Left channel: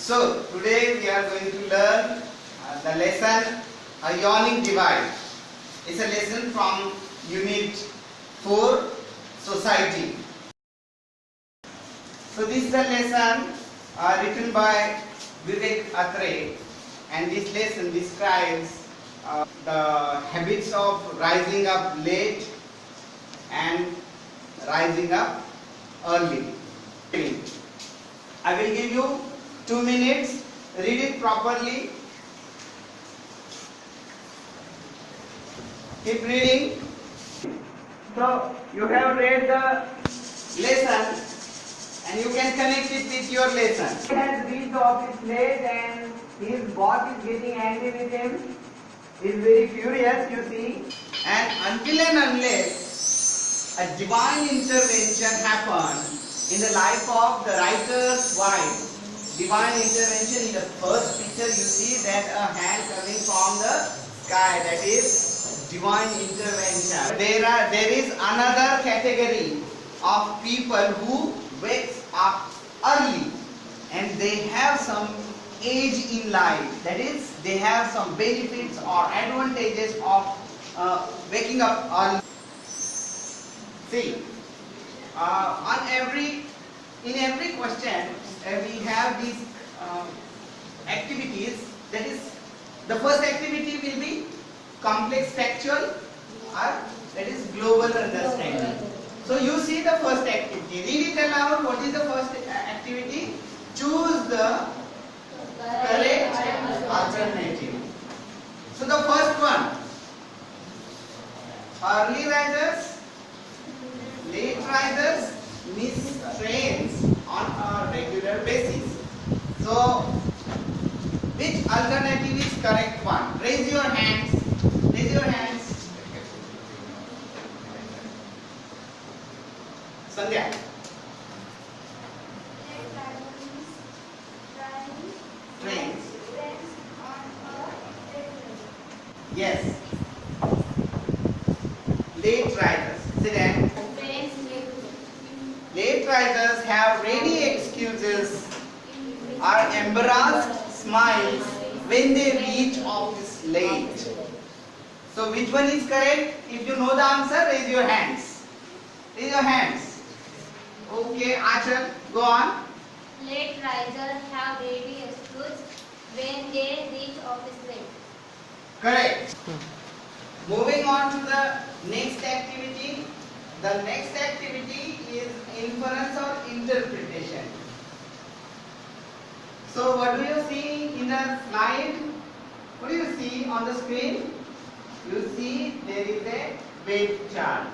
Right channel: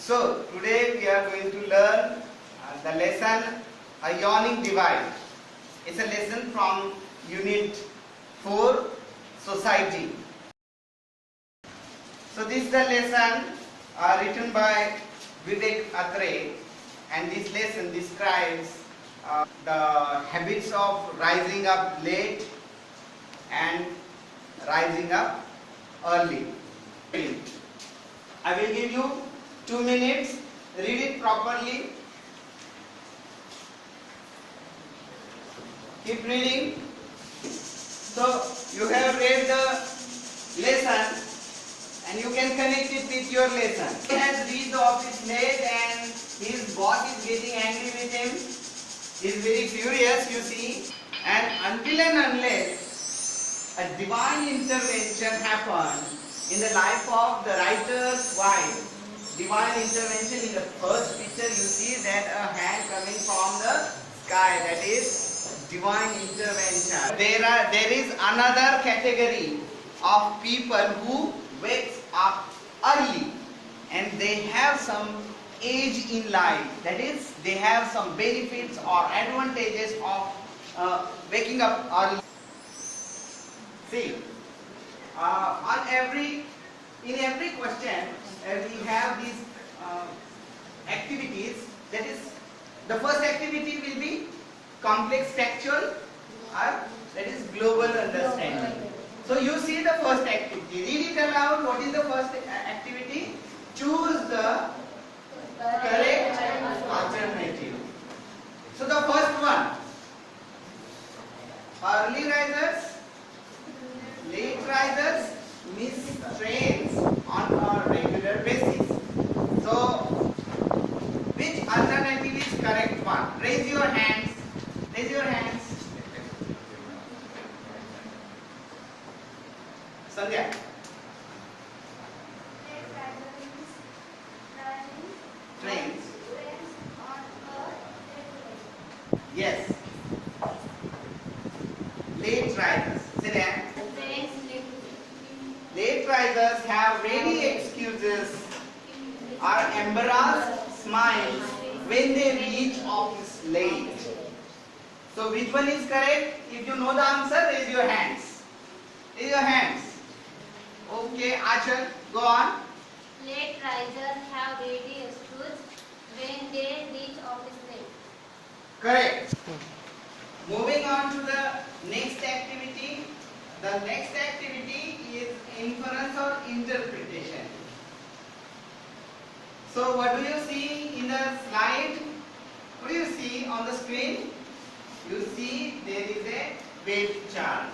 So today we are going to learn the lesson Ionic Divide. It's a lesson from Unit 4 Society. So this is the lesson written by Vivek Atre, and this lesson describes the habits of rising up late and rising up early. I will give you 2 minutes, read it properly, keep reading. So you have read the lesson and you can connect it with your lesson. He has reached the office late and his boss is getting angry with him. He is very furious, you see, and until and unless a divine intervention happened in the life of the writer's wife. Divine intervention, in the first picture you see that a hand coming from the sky, that is divine intervention. There is another category of people who wakes up early and they have some age in life, that is they have some benefits or advantages of waking up early. See, in every question we have these activities. That is, the first activity will be complex factual, or that is global understanding. So you see the first activity. Read it aloud. What is the first activity? Choose the correct alternative. So the first one, early risers, late risers miss trains on a regular basis. So which alternative is correct one? Raise your hands. Raise your hands. Sandhya. Trains. Yes. Late risers. Sit down. Late risers have ready excuses or embarrassed smiles when they reach office late. So which one is correct? If you know the answer, raise your hands. Raise your hands. Okay, Achal, go on. Late risers have ready excuse when they reach office late. Correct. Moving on to the next activity. The next activity is inference or interpretation. So what do you see in the slide? What do you see on the screen? You see there is a weight chart.